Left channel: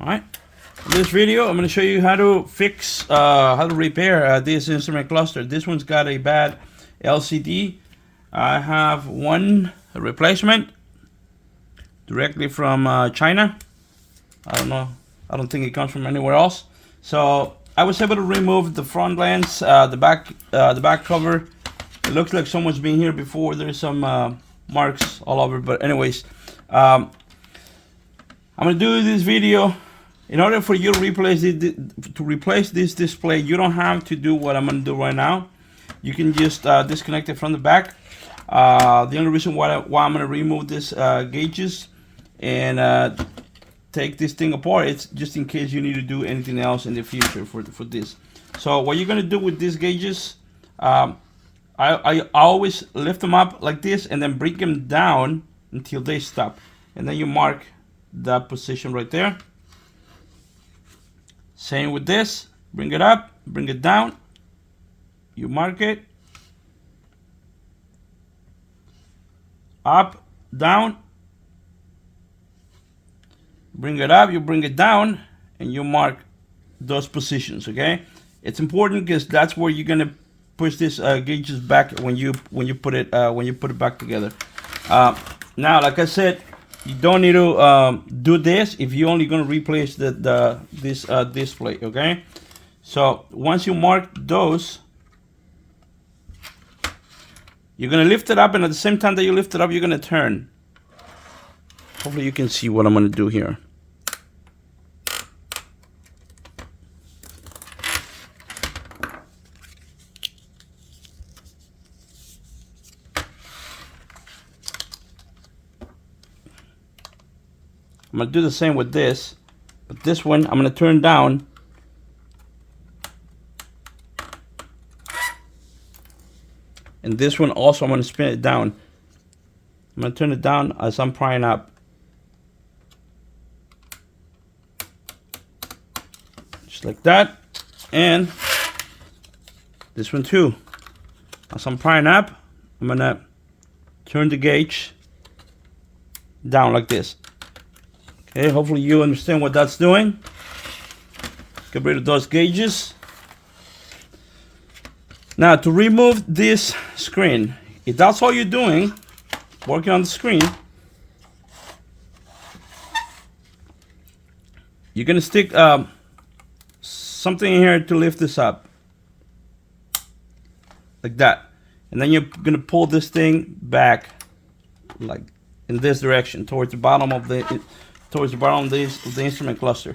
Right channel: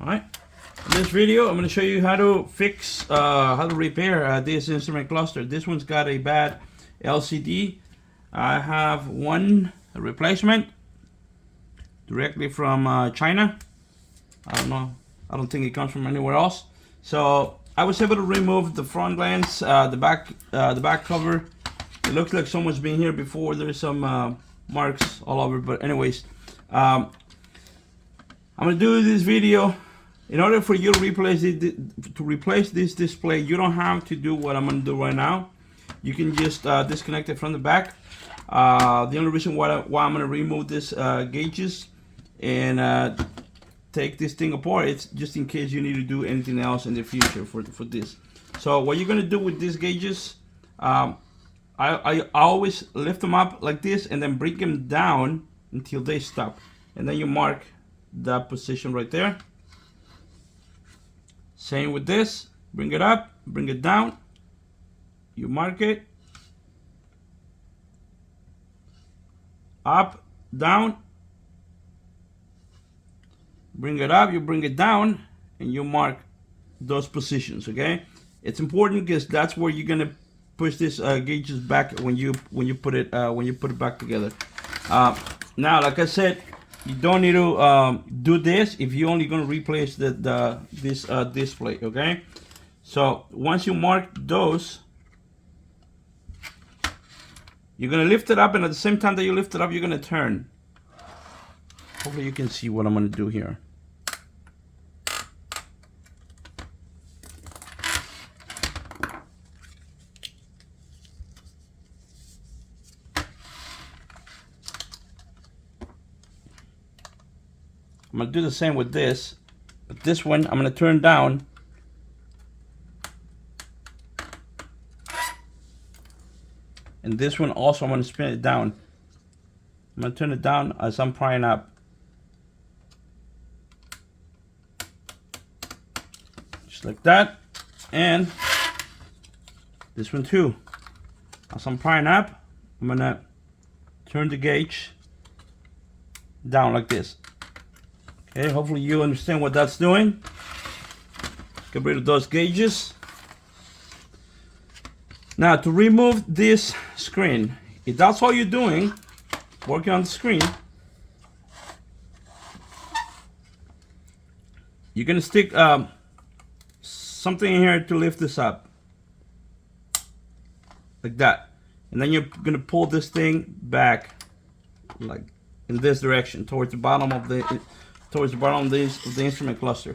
All right. In this video, I'm going to show you how to fix, how to repair this instrument cluster. This one's got a bad LCD. I have one replacement directly from China. I don't know. I don't think it comes from anywhere else. So I was able to remove the front lens, the back cover. It looks like someone's been here before. There's some marks all over. But anyways, I'm gonna do this video. In order for you to replace this display, you don't have to do what I'm gonna do right now. You can just disconnect it from the back. The only reason why I'm gonna remove this gauges and take this thing apart, it's just in case you need to do anything else in the future for this. So what you're gonna do with these gauges, I always lift them up like this and then bring them down until they stop, and then you mark that position right there. Same with this, bring it up, bring it down, you mark it, up, down, bring it up, you bring it down, and you mark those positions. Okay, it's important because that's where you're gonna push this gauges back when you put it back together. Now, like I said, you don't need to do this if you're only going to replace this display. Okay, so once you mark those, you're going to lift it up, and at the same time that you lift it up, you're going to turn. Hopefully you can see what I'm going to do here. I'm going to do the same with this, but this one I'm going to turn down. And this one also I'm going to spin it down. I'm going to turn it down as I'm prying up. Just like that. And this one too. As I'm prying up, I'm going to turn the gauge down like this. Okay, hopefully you understand what that's doing. Get rid of those gauges. Now, to remove this screen, if that's all you're doing, working on the screen, you're gonna stick something in here to lift this up, like that, and then you're gonna pull this thing back, like in this direction, towards the bottom of the instrument cluster.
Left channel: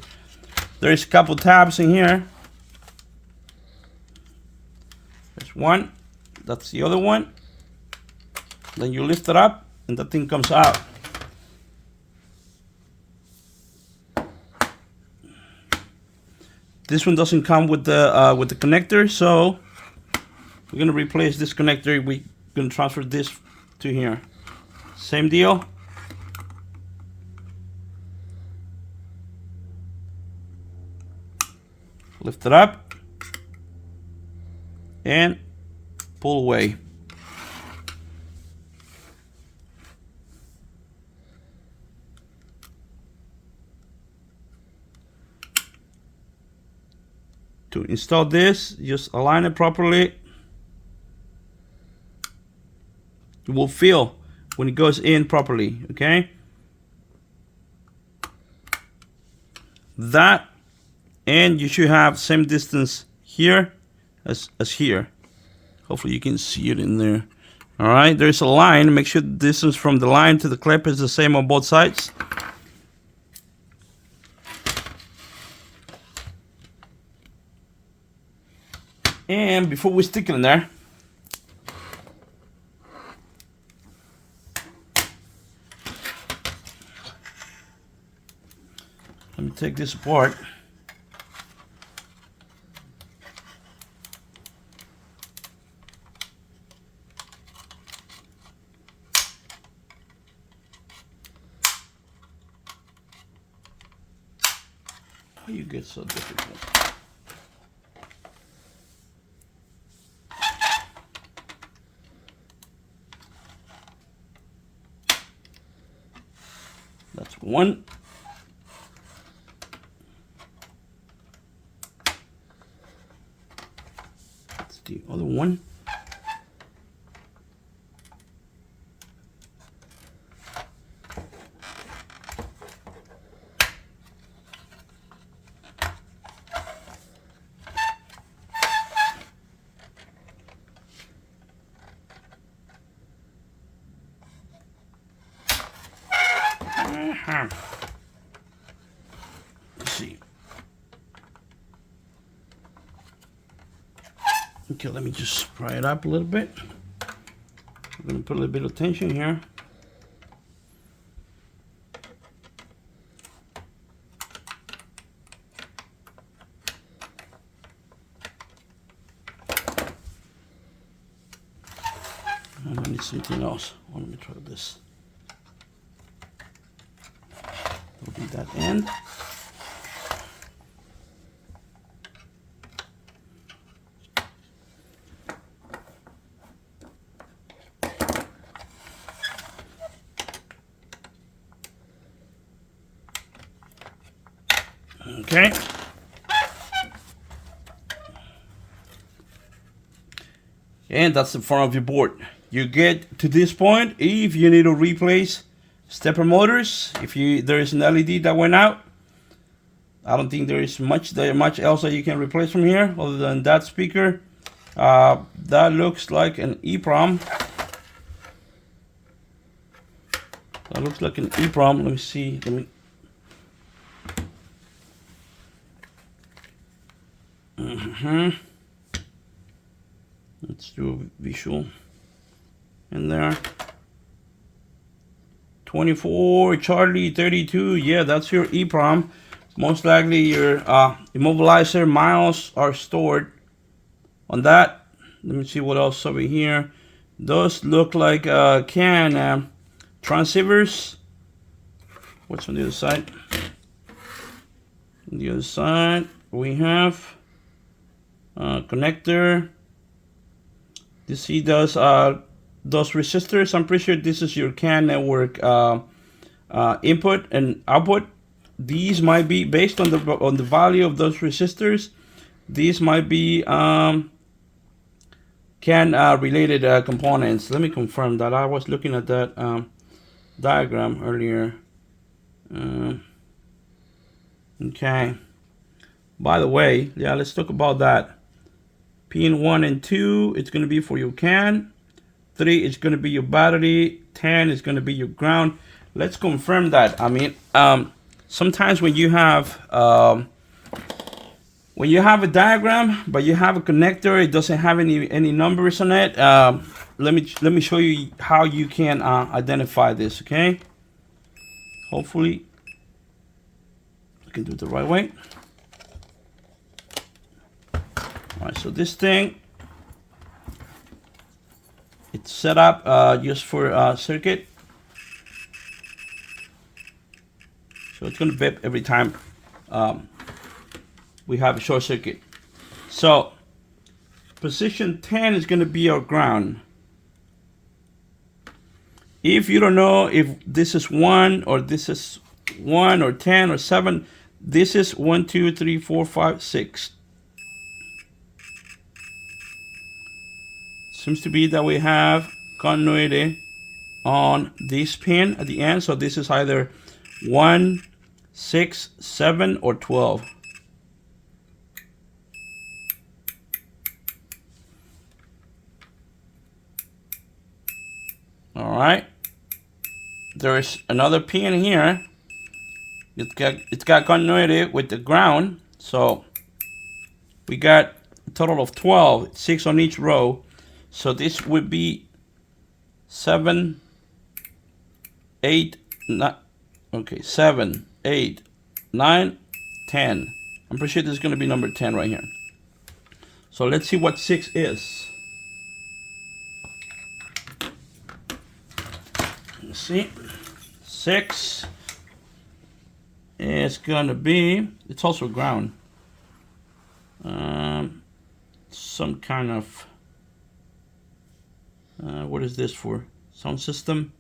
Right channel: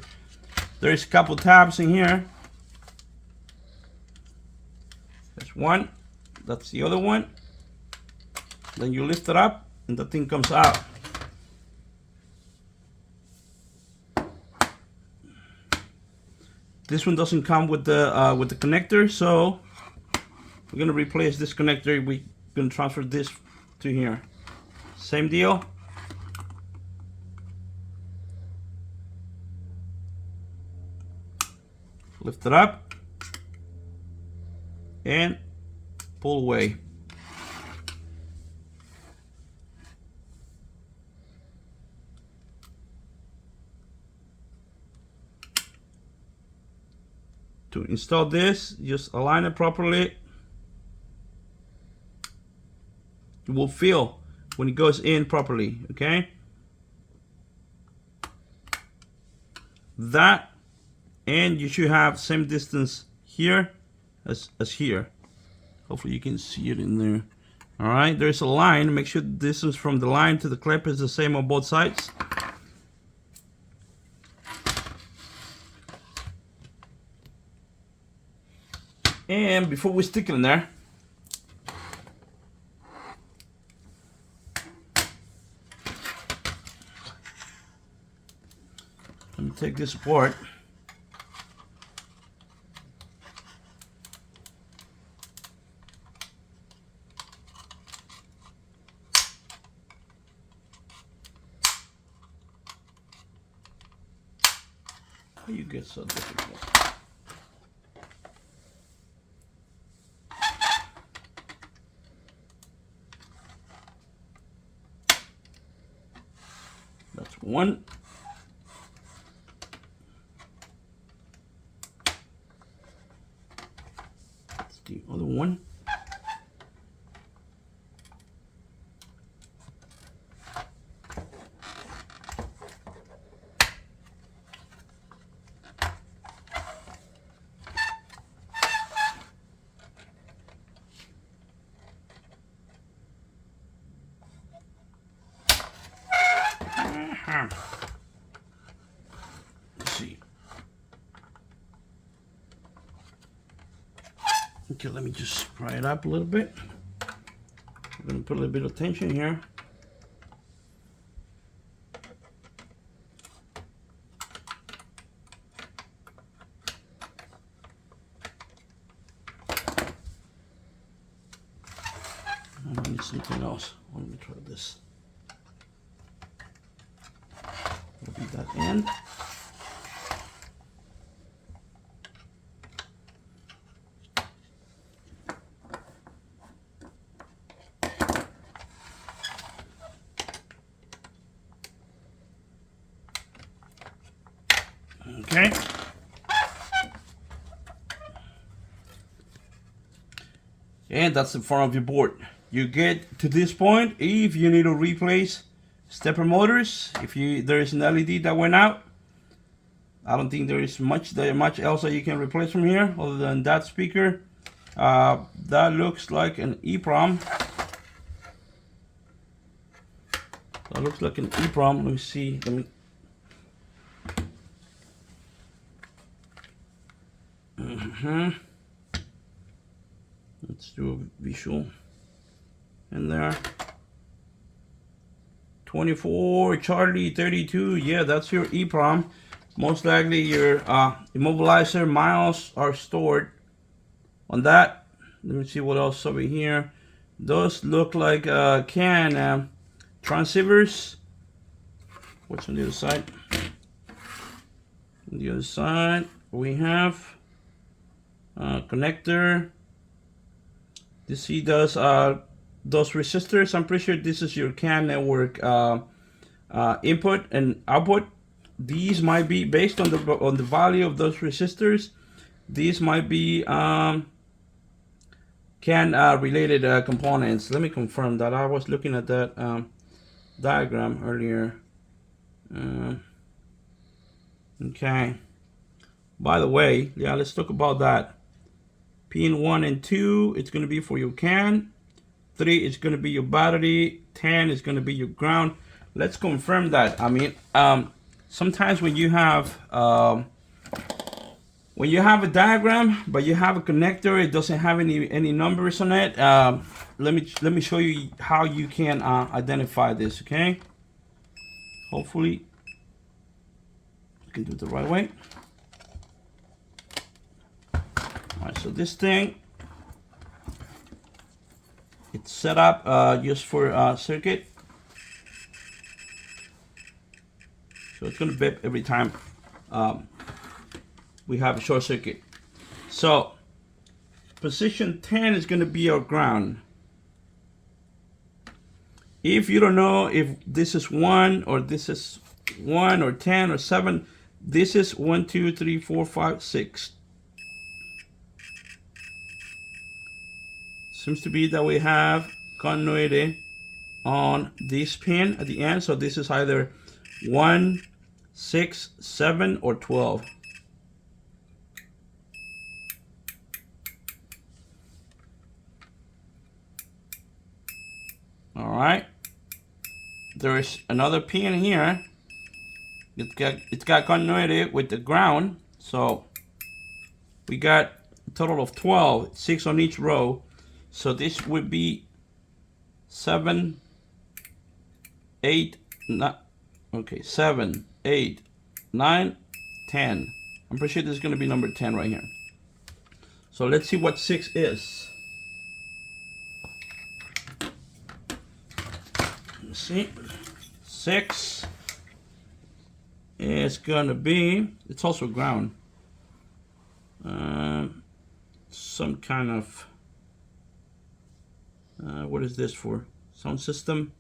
There's a couple tabs in here. There's one, that's the other one. Then you lift it up and the thing comes out. This one doesn't come with the connector, so we're gonna replace this connector. We're gonna transfer this to here. Same deal. Lift it up and pull away. To install this, just align it properly. It will feel when it goes in properly, okay? That, and you should have same distance here as here. Hopefully you can see it in there. All right, there's a line. Make sure the distance from the line to the clip is the same on both sides. And before we stick it in there, let me take this apart. How you get so difficult? That's one. the other one? Let's see. Okay, let me just pry it up a little bit. I'm gonna put a little bit of tension here. And I need something else. Oh, let me try this. Open that end. Okay. And that's the front of your board. You get to this point if you need to replace stepper motors. If there is an LED that went out, I don't think there is much else that you can replace from here other than that speaker. That looks like an EEPROM. That looks like an EEPROM. Let me see. Let's do a visual in there. 24 Charlie 32. Yeah, that's your EEPROM. Most likely your immobilizer miles are stored on that. Let me see what else over here. Those look like CAN transceivers. What's on the other side? On the other side we have connector. You see those resistors. I'm pretty sure this is your CAN network input and output. These might be based on the value of those resistors. These might be CAN related components. Let me confirm that. I was looking at that diagram earlier. Okay. By the way, yeah, let's talk about that. Pin 1 and 2, it's going to be for your CAN. 3 is going to be your battery. 10 is going to be your ground. Let's confirm that. I mean, sometimes when you have a diagram but you have a connector, it doesn't have any numbers on it. Let me show you how you can identify this. Okay. Hopefully, I can do it the right way. Alright, so this thing, it's set up just for circuit. So it's going to beep every time we have a short circuit. So position 10 is going to be our ground. If you don't know if this is 1 or this is 1 or 10 or 7, this is 1, 2, 3, 4, 5, 6. Seems to be that we have continuity on this pin at the end. So this is either 1, 6, 7, or 12. All right. There is another pin here. It's got continuity with the ground. So we got a total of 12, 6 on each row. So this would be 7, 8, 9. Okay, 7, 8, 9, 10. I'm pretty sure this is going to be number 10 right here. So let's see what 6 is. Let's see. 6 is going to be, it's also ground. Some kind of, what is this for? Sound system?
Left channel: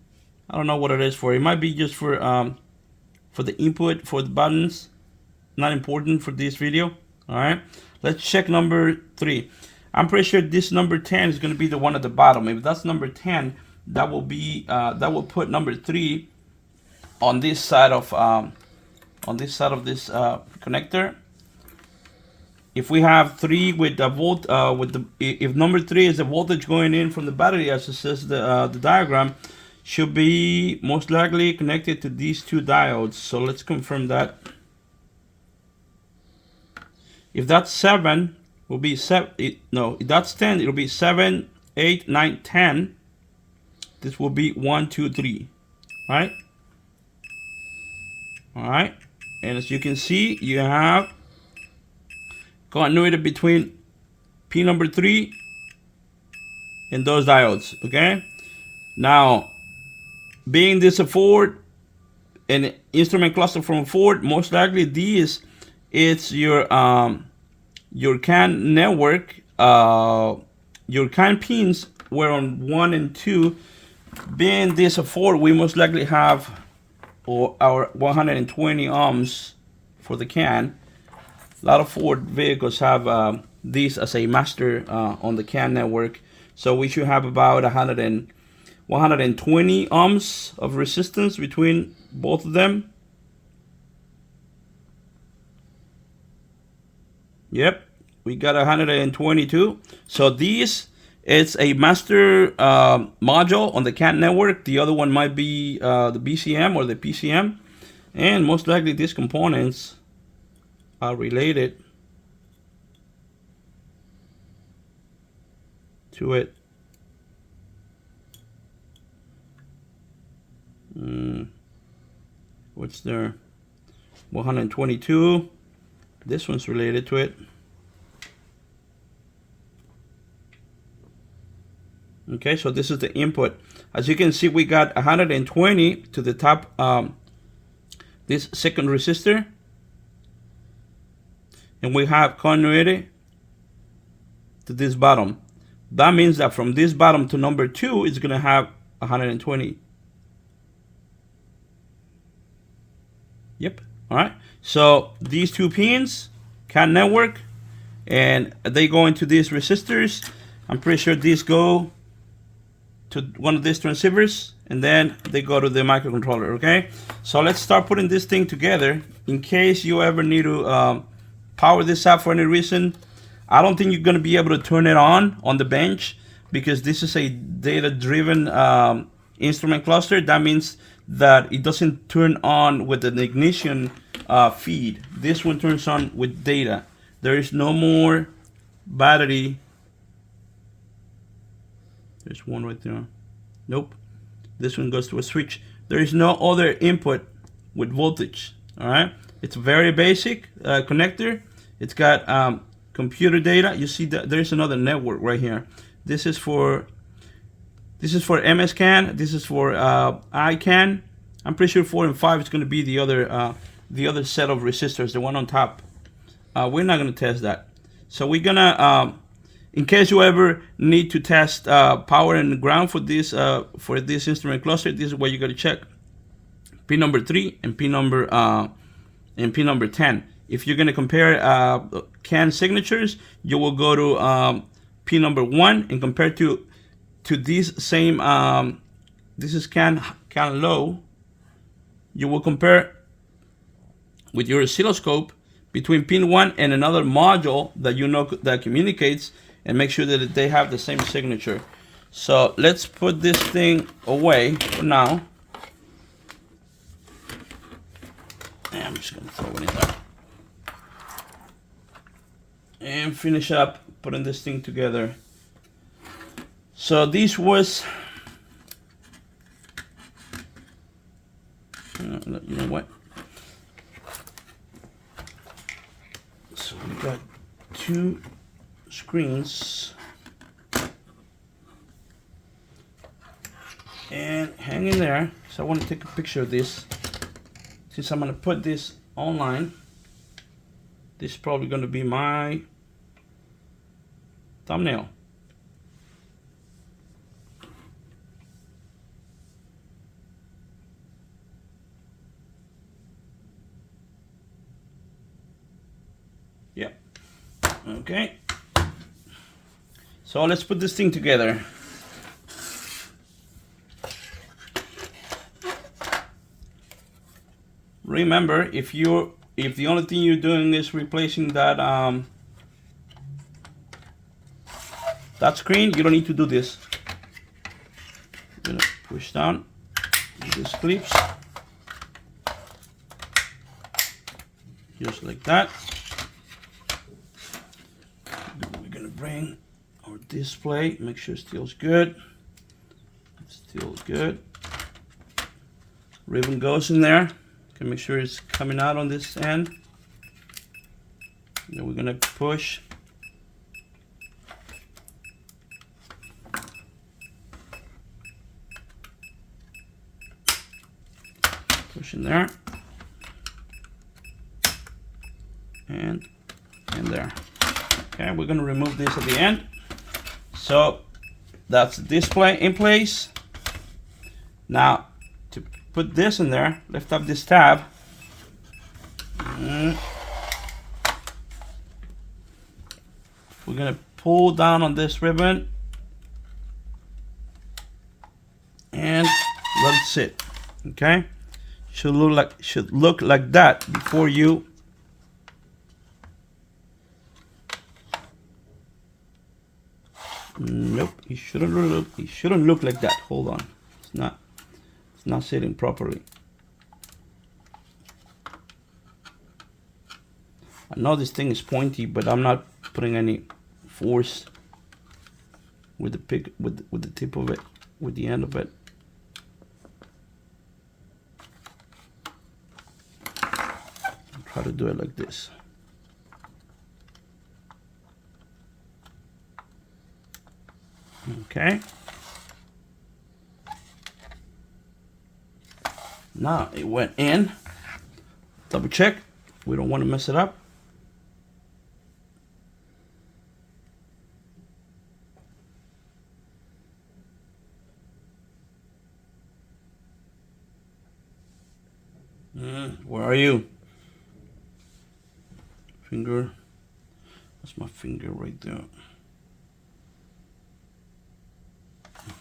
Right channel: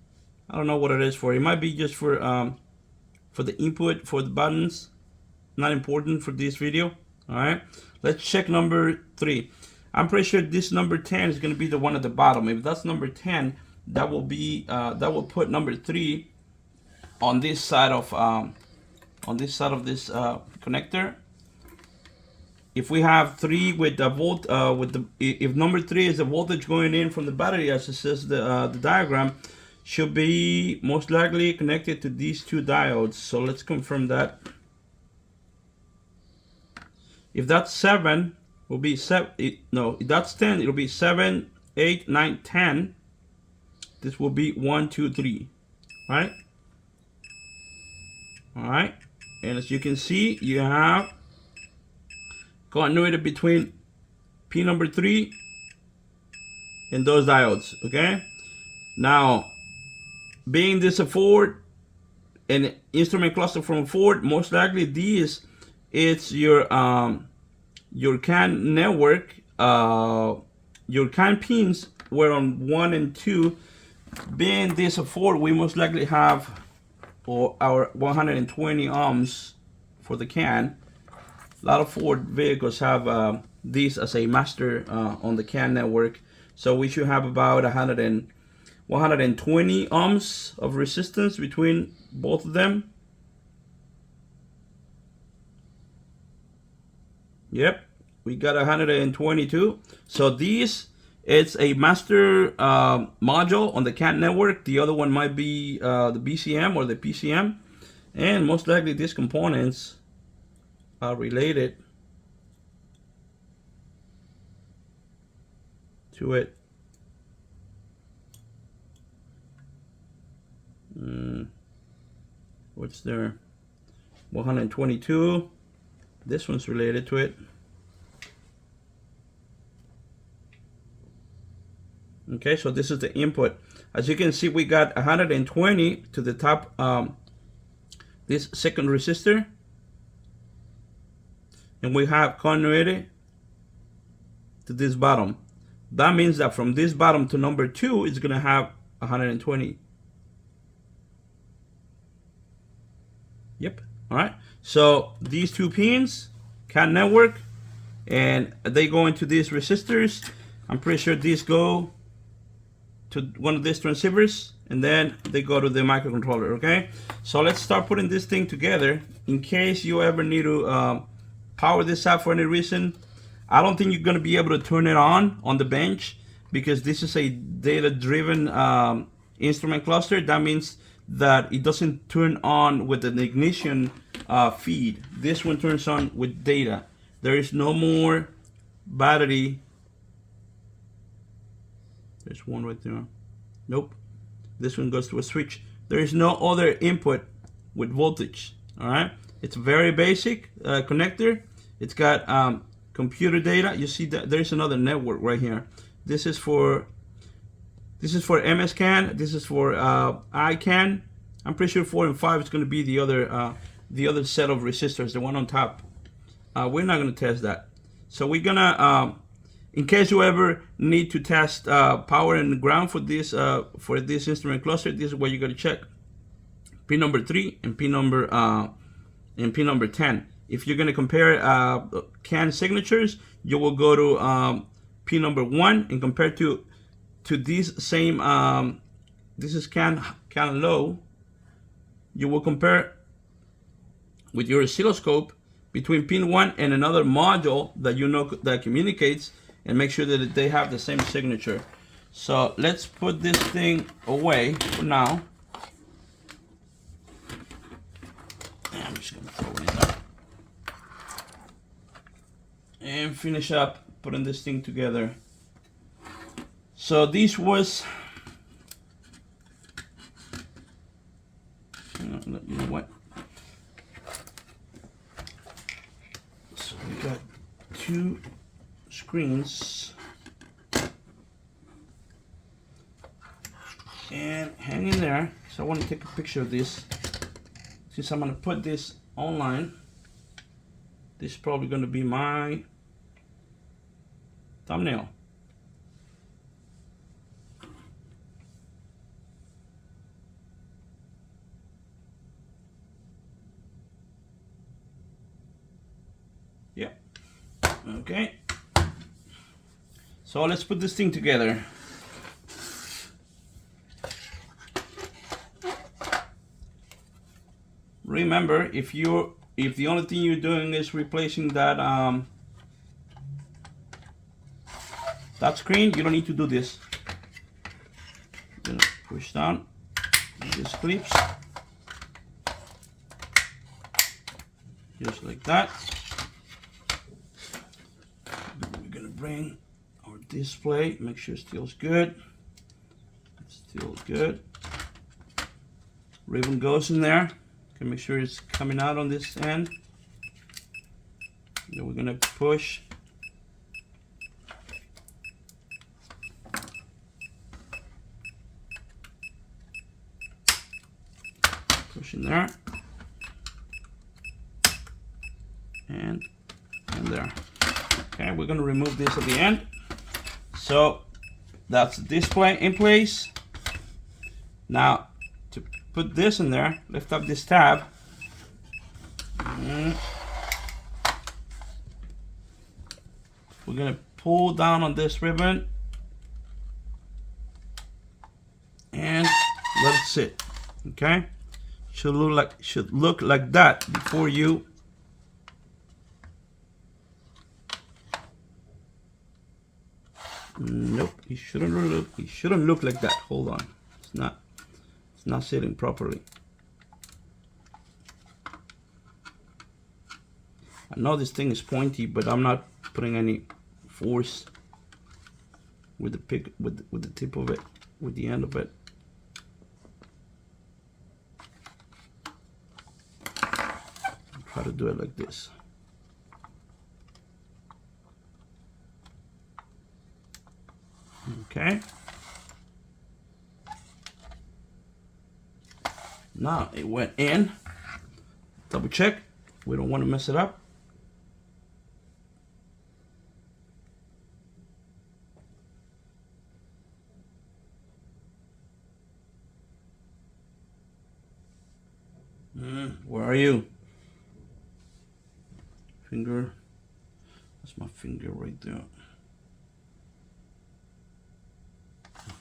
I don't know what it is for. It might be just for the input for the buttons. Not important for this video. All right, let's check number 3. I'm pretty sure this number 10 is going to be the one at the bottom. If that's number 10, that will be that will put number 3 on this side of this connector. If we have 3 with the volt, if number 3 is the voltage going in from the battery, as it says the diagram, should be most likely connected to these 2 diodes. So let's confirm that. If that's 7, will be 7. No, if that's 10, it'll be 7, 8, 9, 10. This will be 1, 2, 3. All right. All right. And as you can see, you have continuity between pin number 3 and those diodes. Okay. Now, being this a Ford, an instrument cluster from Ford, most likely this is your CAN network. Your CAN pins were on 1 and 2. Being this a Ford, we most likely have our 120 ohms for the CAN. A lot of Ford vehicles have this as a master on the CAN network. So we should have about 120 ohms of resistance between both of them. Yep, we got 122. So this is a master module on the CAN network. The other one might be the BCM or the PCM. And most likely these components are related to it. What's there? 122. This one's related to it. Okay, so this is the input. As you can see, we got 120 to the top, this second resistor. And we have continuity to this bottom. That means that from this bottom to number 2, it's going to have 120. Yep. All right. So these 2 pins, CAN network, and they go into these resistors. I'm pretty sure these go to one of these transceivers, and then they go to the microcontroller. Okay. So let's start putting this thing together. In case you ever need to power this up for any reason, I don't think you're going to be able to turn it on the bench, because this is a data-driven instrument cluster. That means that it doesn't turn on with an ignition feed. This one turns on with data. There is no more battery. There's one right there. Nope. This one goes to a switch. There is no other input with voltage. All right. It's a very basic connector. It's got computer data. You see that there's another network right here. This is for MSCAN. This is for ICAN. I'm pretty sure 4 and 5 is going to be the other set of resistors, the one on top. We're not going to test that. So we're gonna, in case you ever need to test power and ground for this instrument cluster, this is what you got to check: pin number 3 and pin number 10. If you're going to compare CAN signatures, you will go to pin number 1 and compare to these same, this is CAN low. You will compare with your oscilloscope between pin 1 and another module that you know that communicates, and make sure that they have the same signature. So let's put this thing away for now. And I'm just going to throw it out and finish up putting this thing together. So this was, you know what? So we got 2 screens, and hang in there. So I want to take a picture of this, since I'm going to put this online. This is probably going to be my thumbnail. Yeah. Okay. So let's put this thing together. Remember, if the only thing you're doing is replacing that that screen, you don't need to do this. I'm gonna push down these clips just like that. We're gonna bring our display, make sure it feels good. It's still good. Ribbon goes in there. Okay, make sure it's coming out on this end. Then we're gonna push. Push in there. And there. Okay, we're gonna remove this at the end. So that's the display in place. Now to put this in there, lift up this tab. We're gonna pull down on this ribbon and let it sit. Okay, should look like that before you. Nope, it shouldn't look like that. Hold on, it's not sitting properly. I know this thing is pointy, but I'm not putting any force with the tip of it, with the end of it. I'll try to do it like this. Okay. Now it went in. Double check. We don't want to mess it up. Where are you? Finger. That's my finger right there.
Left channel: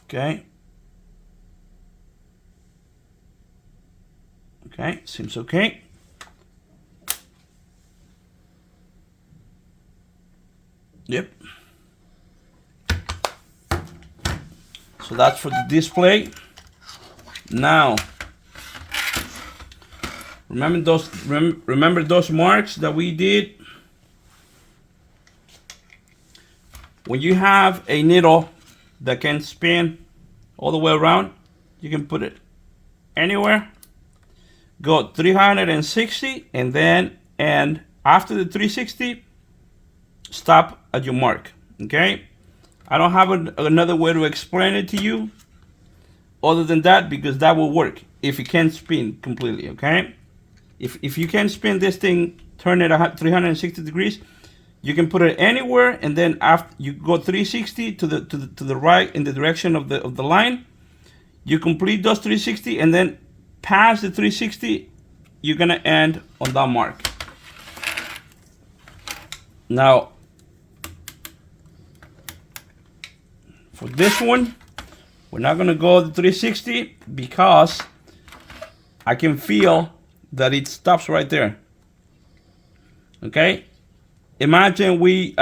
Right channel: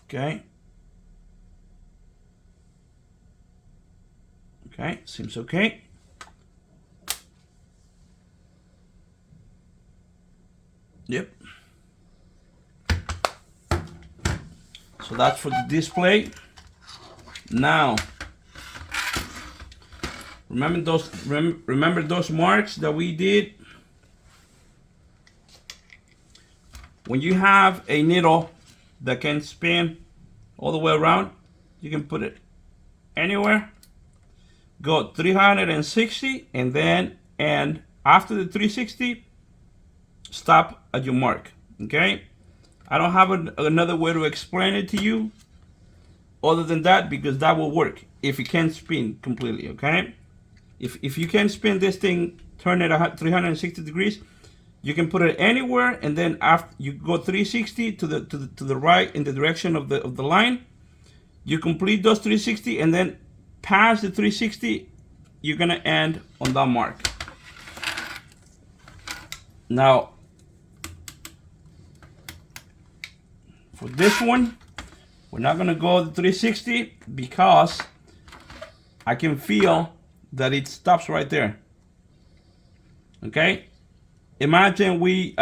Okay. Okay, seems okay. Yep. So that's for the display. Now, remember those marks that we did? When you have a needle that can spin all the way around, you can put it anywhere. Go 360 and after the 360, stop at your mark. Okay, I don't have another way to explain it to you other than that, because that will work if you can spin completely. Okay, if you can spin this thing, turn it 360 degrees, you can put it anywhere, and then after you go 360 to the right in the direction of the line, you complete those 360, and then past the 360, you're gonna end on that mark. Now, for this one, we're not gonna go to 360 because I can feel that it stops right there. Okay, imagine we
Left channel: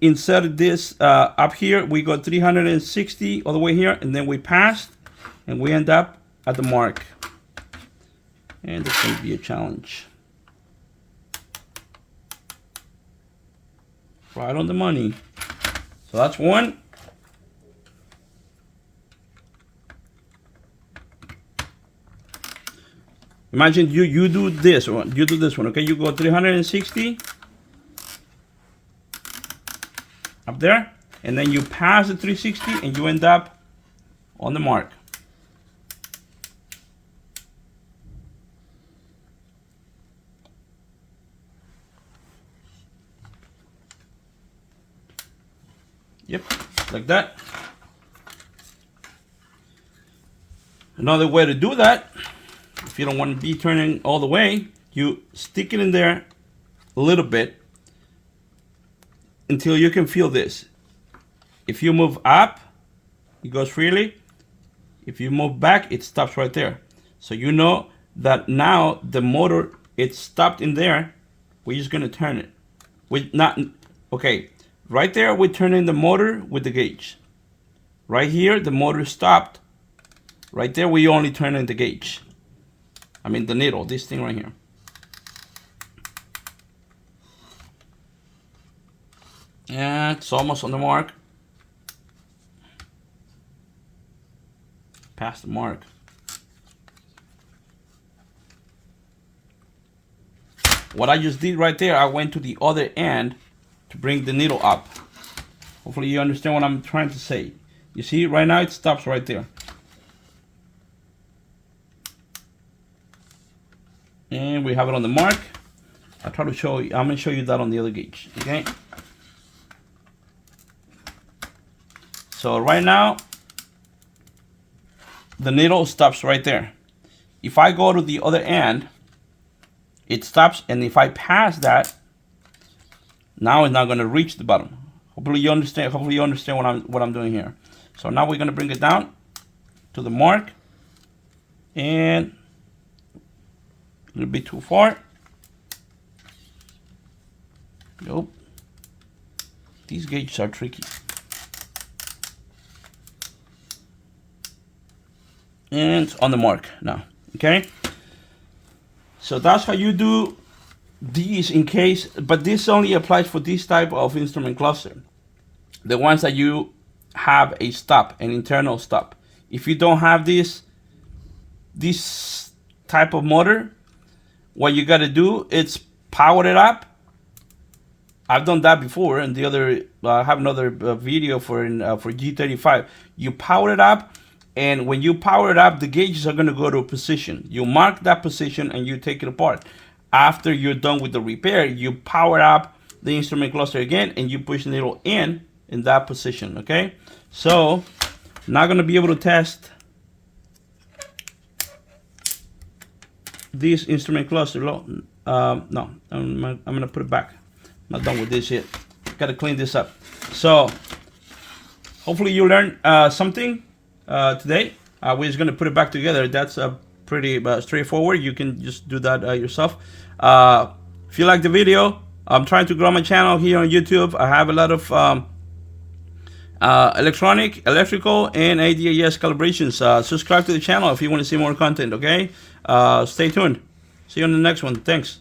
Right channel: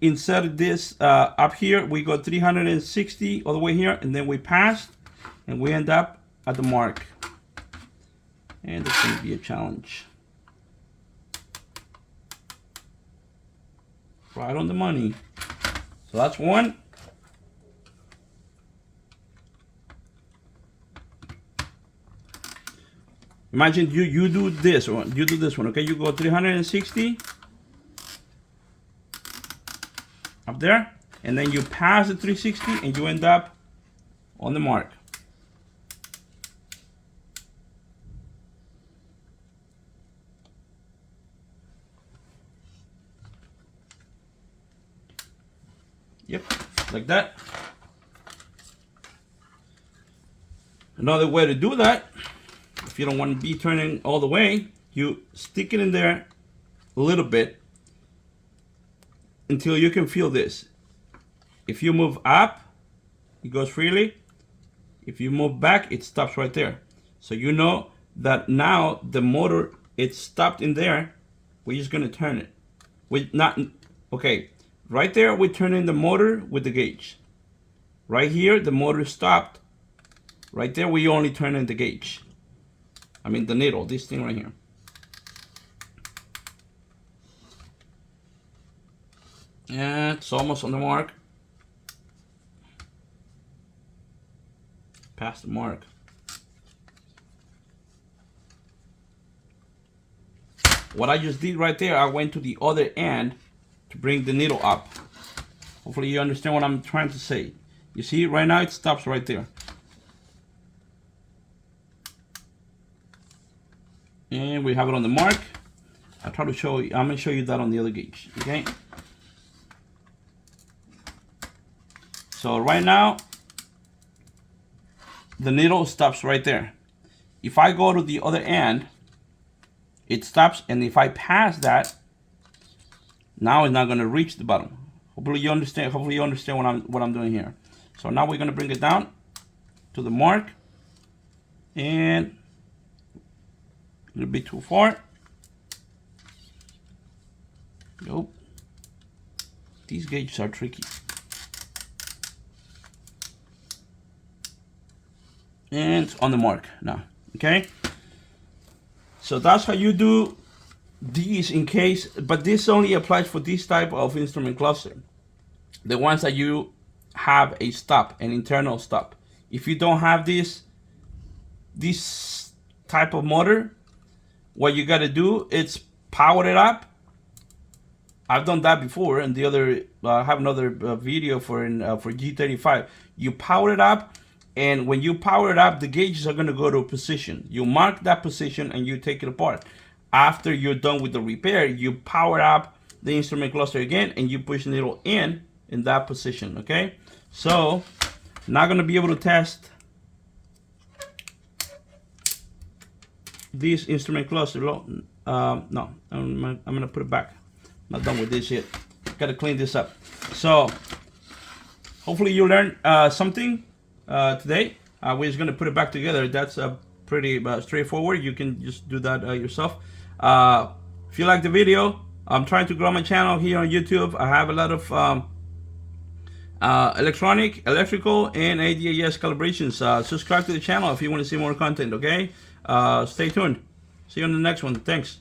inserted this up here. We go 360 all the way here, and then we pass, and we end up at the mark. And it's going to be a challenge. Right on the money. So that's one. Imagine you do this one. You do this one. Okay, you go 360 up there, and then you pass the 360, and you end up on the mark. Yep, like that. Another way to do that, if you don't want to be turning all the way, you stick it in there a little bit until you can feel this. If you move up, it goes freely. If you move back, it stops right there. So you know that now the motor, it's stopped in there. We're just gonna turn it. Okay, right there we're turning the motor with the gauge. Right here, the motor stopped. Right there, we only turn in the gauge. I mean the needle, this thing right here. Yeah, it's almost on the mark. Past the mark. What I just did right there, I went to the other end to bring the needle up. Hopefully you understand what I'm trying to say. You see, right now it stops right there. And we have it on the mark. I'll try to show you, I'm gonna show you that on the other gauge, okay? So right now, the needle stops right there. If I go to the other end, it stops, and if I pass that, now it's not gonna reach the bottom. Hopefully you understand what I'm doing here. So now we're gonna bring it down to the mark, and a little bit too far. Nope. These gauges are tricky. And it's on the mark now, okay? So that's how you do these in case, but this only applies for this type of instrument cluster. The ones that you have a stop, an internal stop. If you don't have this type of motor, what you got to do is power it up. I've done that before, and the other I have another video for G35. You power it up, and when you power it up, the gauges are going to go to a position. You mark that position and you take it apart. After you're done with the repair, you power up the instrument cluster again, and you push the needle in that position. Okay, so not going to be able to test this instrument cluster. No, I'm going to put it back. Not done with this yet. Got to clean this up. So hopefully you learned something today. We're just going to put it back together. That's pretty straightforward. You can just do that yourself. If you like the video, I'm trying to grow my channel here on YouTube. I have a lot of electrical, and ADAS calibrations. Subscribe to the channel if you want to see more content, okay? Stay tuned. See you on the next one. Thanks.